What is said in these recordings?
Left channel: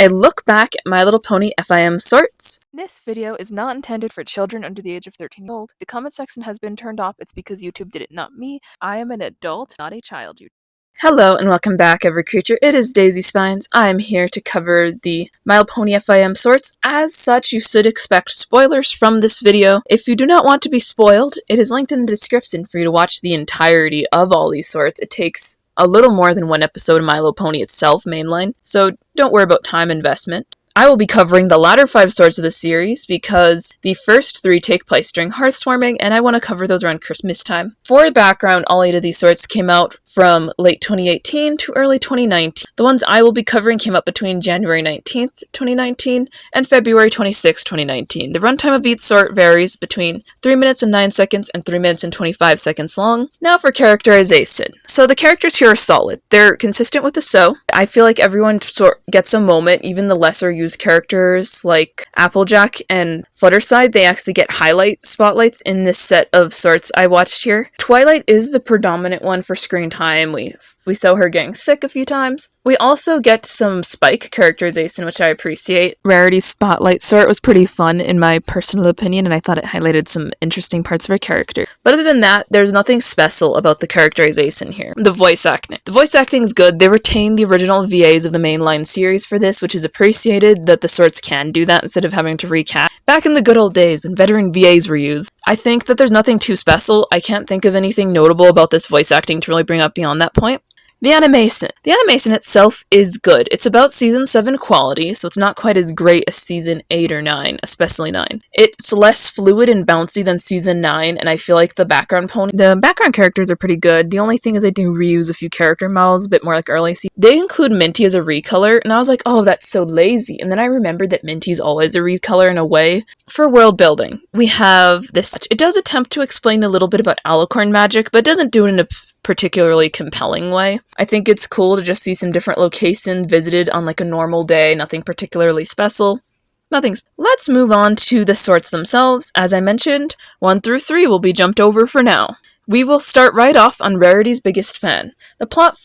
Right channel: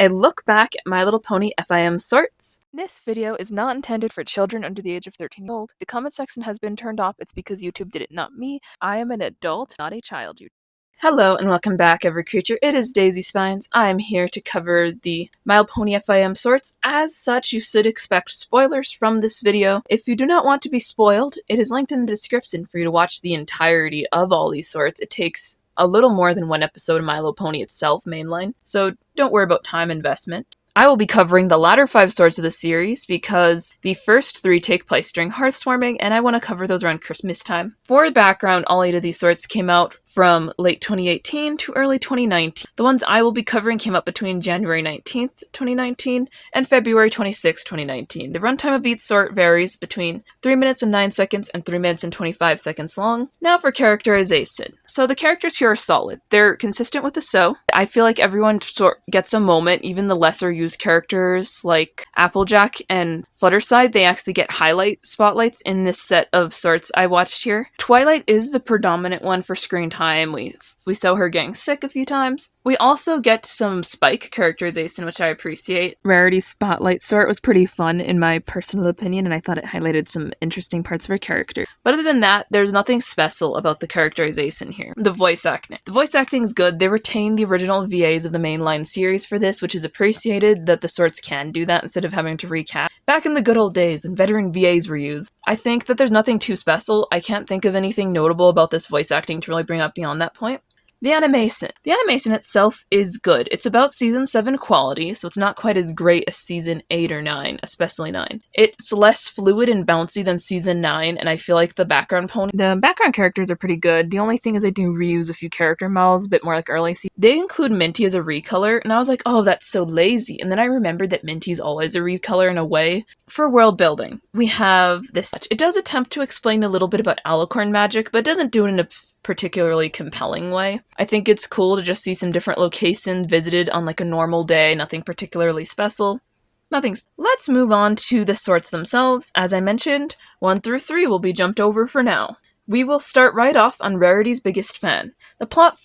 a look back at My Little Pony FIM sorts. This video is not intended for children under the age of 13 years old. The comment section has been turned off. It's because YouTube did it, not me. I am an adult, not a child. Hello and welcome back, every creature. It is Daisy Spines. I am here to cover the My Little Pony FIM sorts. As such, you should expect spoilers from this video. If you do not want to be spoiled, it is linked in the description for you to watch the entirety of all these sorts. It takes a little more than one episode of My Little Pony itself, mainline, so don't worry about time investment. I will be covering the latter 5 sorts of the series because the first 3 take place during Hearthswarming, and I want to cover those around Christmas time. For background, all 8 of these sorts came out from late 2018 to early 2019. The ones I will be covering came out between January 19th, 2019 and February 26th, 2019. The runtime of each sort varies between 3 minutes and 9 seconds and 3 minutes and 25 seconds long. Now for characterization. So the characters here are solid. They're consistent with the show. I feel like everyone gets a moment, even the lesser used characters like Applejack and Fluttershy, they actually get spotlights in this set of sorts I watched here. Twilight is the predominant one for screen time. We saw her getting sick a few times. We also get some Spike characterization, which I appreciate. Rarity's spotlight sort was pretty fun in my personal opinion, and I thought it highlighted some interesting parts of her character. But other than that, there's nothing special about the characterization here. The voice acting. The voice acting is good. They retained the original VAs of the mainline series for this, which is appreciated that the sorts can do that instead of having to recast. Back in the good old days when veteran VAs were used, I think that there's nothing too special. I can't think of anything notable about this voice acting to really bring up beyond that point. The animation. The animation itself is good. It's about Season 7 quality, so it's not quite as great as Season 8 or 9, especially 9. It's less fluid and bouncy than Season 9, and I feel like the background characters are pretty good. The only thing is they do reuse a few character models, a bit more like early season. They include Minty as a recolor, and I was like, oh, that's so lazy. And then I remembered that Minty's always a recolor in a way. For world building, we have this. It does attempt to explain a little bit about alicorn magic, but it doesn't do it in a particularly compelling way. I think it's cool to just see some different locations visited on like a normal day, nothing particularly special. Let's move on to the sorts themselves. As I mentioned, 1 through 3 will be jumped over for now. We will start right off on Rarity's biggest fan. The plot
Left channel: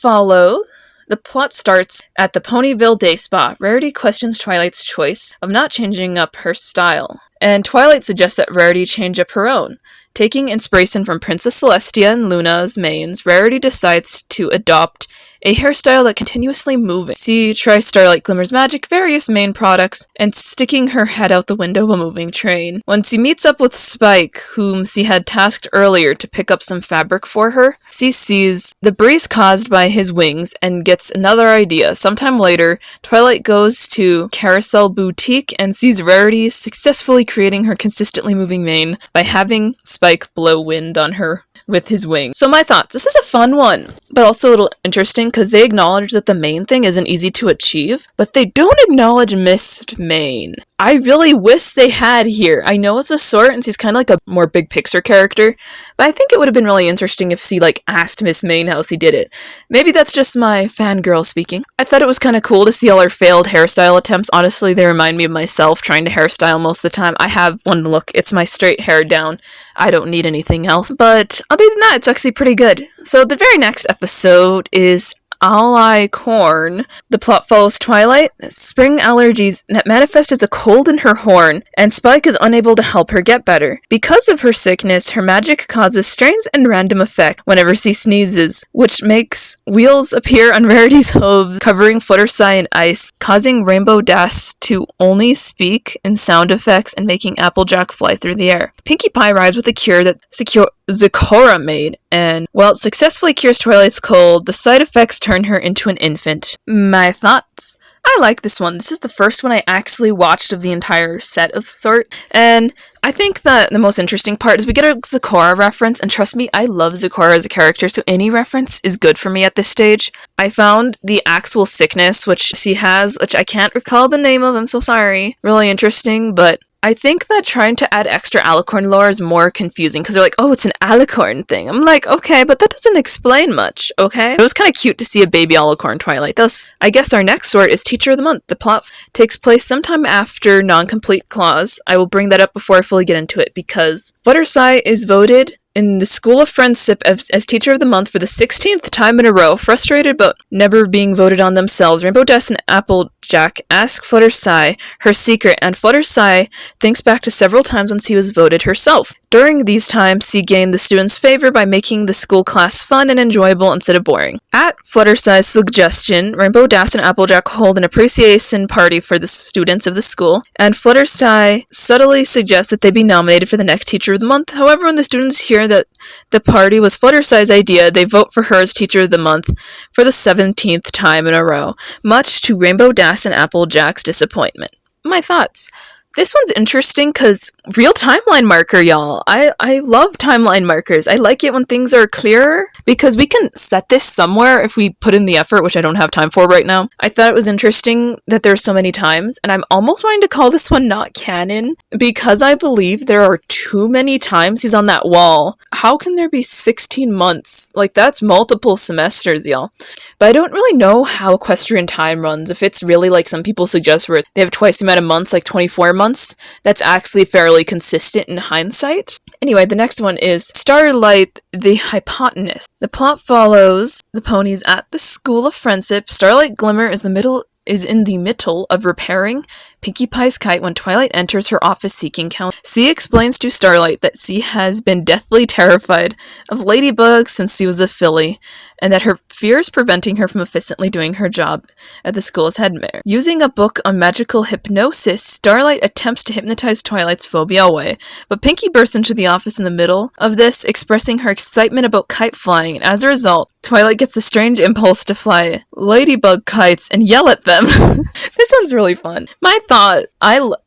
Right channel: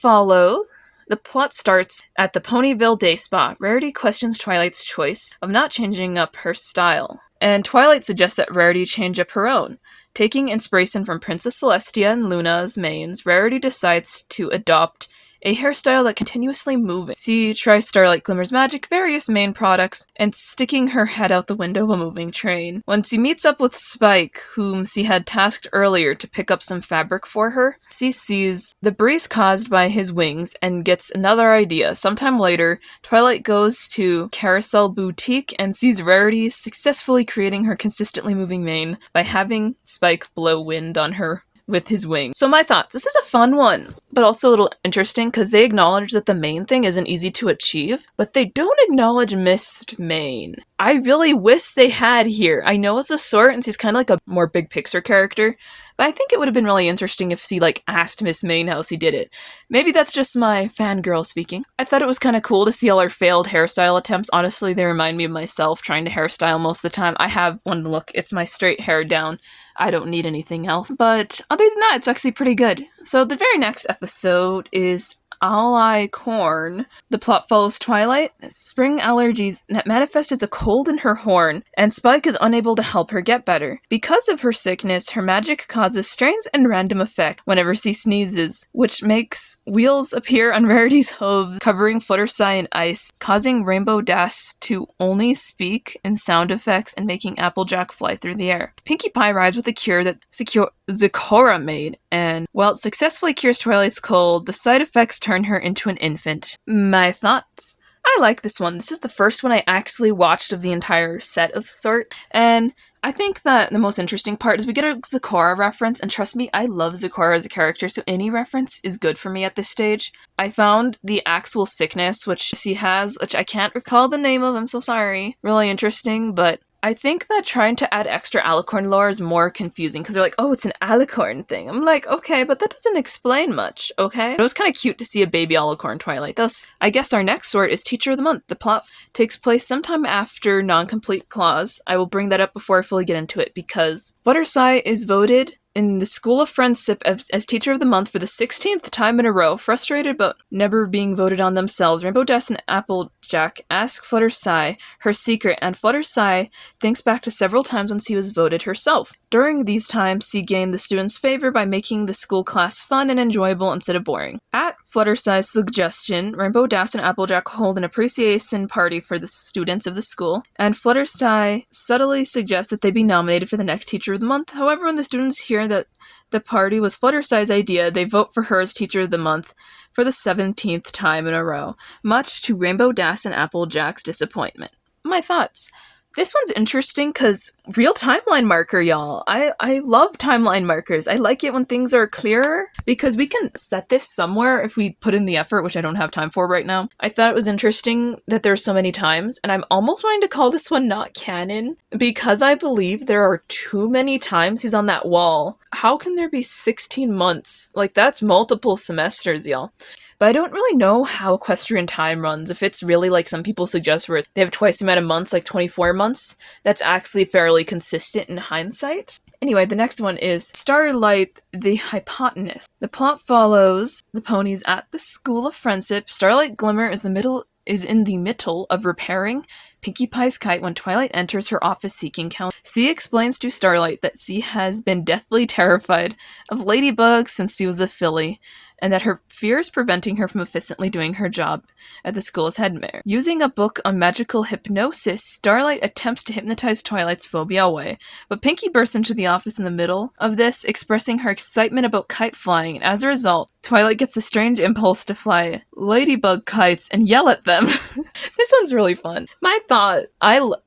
starts at the Ponyville Day Spa. Rarity questions Twilight's choice of not changing up her style, and Twilight suggests that Rarity change up her own. Taking inspiration from Princess Celestia and Luna's manes, Rarity decides to adopt a hairstyle that continuously moves. She tries Starlight Glimmer's magic, various main products, and sticking her head out the window of a moving train. When she meets up with Spike, whom she had tasked earlier to pick up some fabric for her, she sees the breeze caused by his wings and gets another idea. Sometime later, Twilight goes to Carousel Boutique and sees Rarity successfully creating her consistently moving mane by having Spike blow wind on her with his wings. So my thoughts, this is a fun one, but also a little interesting because they acknowledge that the main thing isn't easy to achieve, but they don't acknowledge Mist Mane. I really wish they had here. I know it's a sort and she's kind of like a more big picture character, but I think it would have been really interesting if she asked Miss Mane how she did it. Maybe that's just my fangirl speaking. I thought it was kind of cool to see all her failed hairstyle attempts. Honestly, they remind me of myself trying to hairstyle most of the time. I have one look. It's my straight hair down. I don't need anything else. But other than that, it's actually pretty good. So the very next episode is Alicorn. The plot follows Twilight, spring allergies that manifest as a cold in her horn, and Spike is unable to help her get better. Because of her sickness, her magic causes strange and random effects whenever she sneezes, which makes wheels appear on Rarity's hooves, covering Fluttershy in ice, causing Rainbow Dash to only speak in sound effects and making Applejack fly through the air. Pinkie Pie arrives with a cure that Zecora made, and while it successfully cures Twilight's cold, the side effects turn her into an infant. My thoughts? I like this one. This is the first one I actually watched of the entire set of sort, and I think that the most interesting part is we get a Zecora reference, and trust me, I love Zecora as a character, so any reference is good for me at this stage. I found the actual sickness, which she has, which I can't recall the name of, I'm so sorry, really interesting, but I think that trying to add extra alicorn lore is more confusing because they're like, oh, it's an alicorn thing. I'm like, okay, but that doesn't explain much, okay? It was kind of cute to see a baby alicorn Twilight. Thus, I guess our next sort is Teacher of the Month. The plot takes place sometime after Non-Complete Clause. I will bring that up before I fully get into it because Fluttershy is voted in the School of Friendship as Teacher of the Month for the 16th time in a row. Frustrated about never being voted on themselves, Rainbow Dash and Applejack ask Fluttershy her secret, and Fluttershy thinks back to several times when she was voted herself. During these times, she gained the students' favor by making the school class fun and enjoyable instead of boring. At Fluttershy's suggestion, Rainbow Dash and Applejack hold an appreciation party for the students of the school, and Fluttershy subtly suggests that they be nominated for the next Teacher of the Month. However, when the students hear that the party was Fluttershy's idea, they vote for her as Teacher of the Month for the 17th time in a row, much to Rainbow Dash and Applejack's disappointment. My thoughts. This one's interesting because real timeline marker, y'all. I love timeline markers. I like it when things are clearer because we can set this somewhere if we put in the effort, which I don't have time for right now. I thought it was interesting that there's so many times, and I'm almost wanting to call this one not canon because I believe there are too many times he's on that wall. How can there be 16 months? Like, that's multiple semesters, y'all. But I don't really know how equestrian time runs. If it's really like some people suggest where they have twice the amount of months, like 24 months, that's actually fairly consistent in hindsight. Anyway, the next one is Starlight the Hypotenuse. The plot follows the ponies at the School of Friendship. Starlight Glimmer is in the middle of repairing Pinkie Pie's kite when Twilight enters her office seeking counsel. She explains to Starlight that she has been deathly terrified of ladybugs since she was a filly, and that her fears preventing her from efficiently doing her job at the school's headmaster. Using a book on magical hypnosis, Starlight attempts to hypnotize Twilight's phobia away, but Pinkie bursts into the office in the middle of this, expressing her excitement about kite flying, and as a result, Twilight gets a strange impulse to fly ladybug kites and yell at them. This one's really fun. My thought,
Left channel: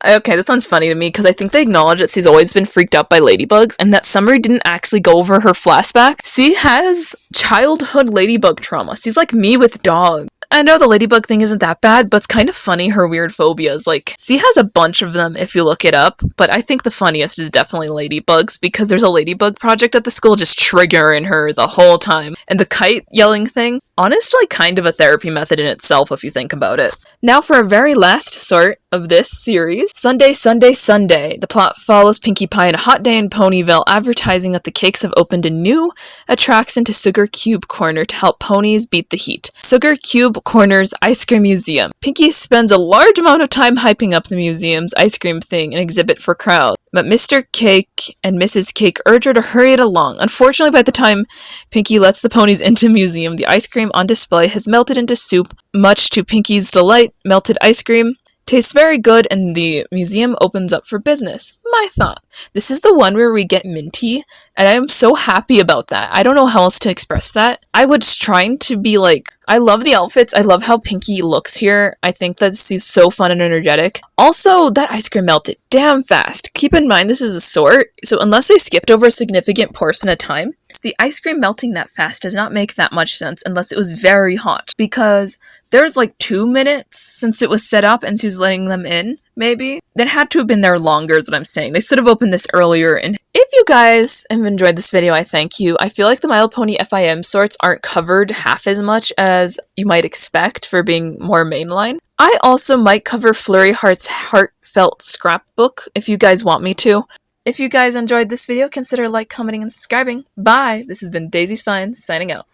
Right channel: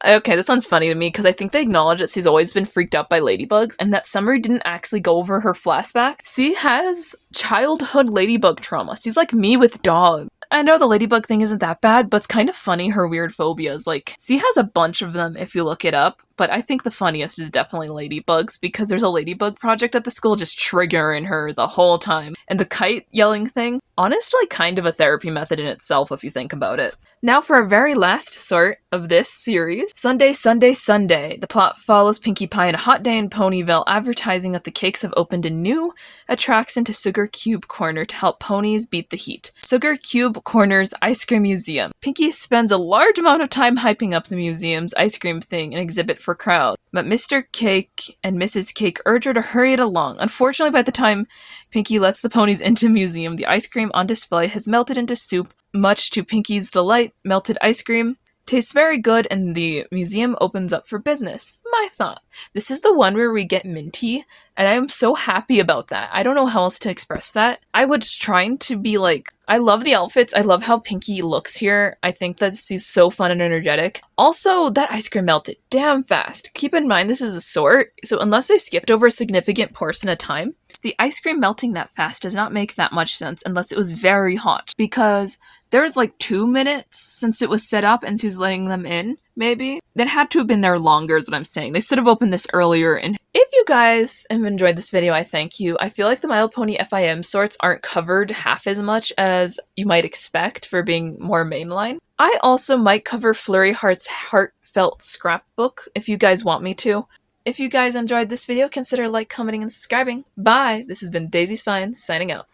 okay, this one's funny to me because I think they acknowledge that she's always been freaked out by ladybugs and that Summer didn't actually go over her flashback. She has childhood ladybug trauma. She's like me with dogs. I know the ladybug thing isn't that bad, but it's kind of funny her weird phobias. Like, she has a bunch of them if you look it up, but I think the funniest is definitely ladybugs because there's a ladybug project at the school just triggering her the whole time. And the kite yelling thing, honestly, kind of a therapy method in itself if you think about it. Now for our very last sort of this series, Sunday, Sunday, Sunday. The plot follows Pinkie Pie on a hot day in Ponyville, advertising that the Cakes have opened a new attraction to Sugar Cube Corner to help ponies beat the heat. Sugar Cube Corner's Ice Cream Museum. Pinkie spends a large amount of time hyping up the museum's ice cream thing and exhibit for crowds, but Mr. Cake and Mrs. Cake urge her to hurry it along. Unfortunately, by the time Pinkie lets the ponies into the museum, the ice cream on display has melted into soup. Much to Pinkie's delight, melted ice cream tastes very good and the museum opens up for business. My thought. This is the one where we get Minty, and I am so happy about that. I don't know how else to express that. I was trying to be like, I love the outfits. I love how Pinkie looks here. I think that she's so fun and energetic. Also, that ice cream melted damn fast. Keep in mind this is a sort, so unless they skipped over a significant portion of time, the ice cream melting that fast does not make that much sense unless it was very hot, because there's like 2 minutes since it was set up and she's letting them in, maybe. That had to have been there longer is what I'm saying. They should have opened this earlier. And if you guys have enjoyed this video, I thank you. I feel like the My Little Pony FIM sorts aren't covered half as much as you might expect for being more mainline. I also might cover Flurry Heart's Heartfelt Scrapbook if you guys want me to. If you guys enjoyed this video, consider like, commenting, and subscribing. Bye! This has been Daisy Spine, signing out.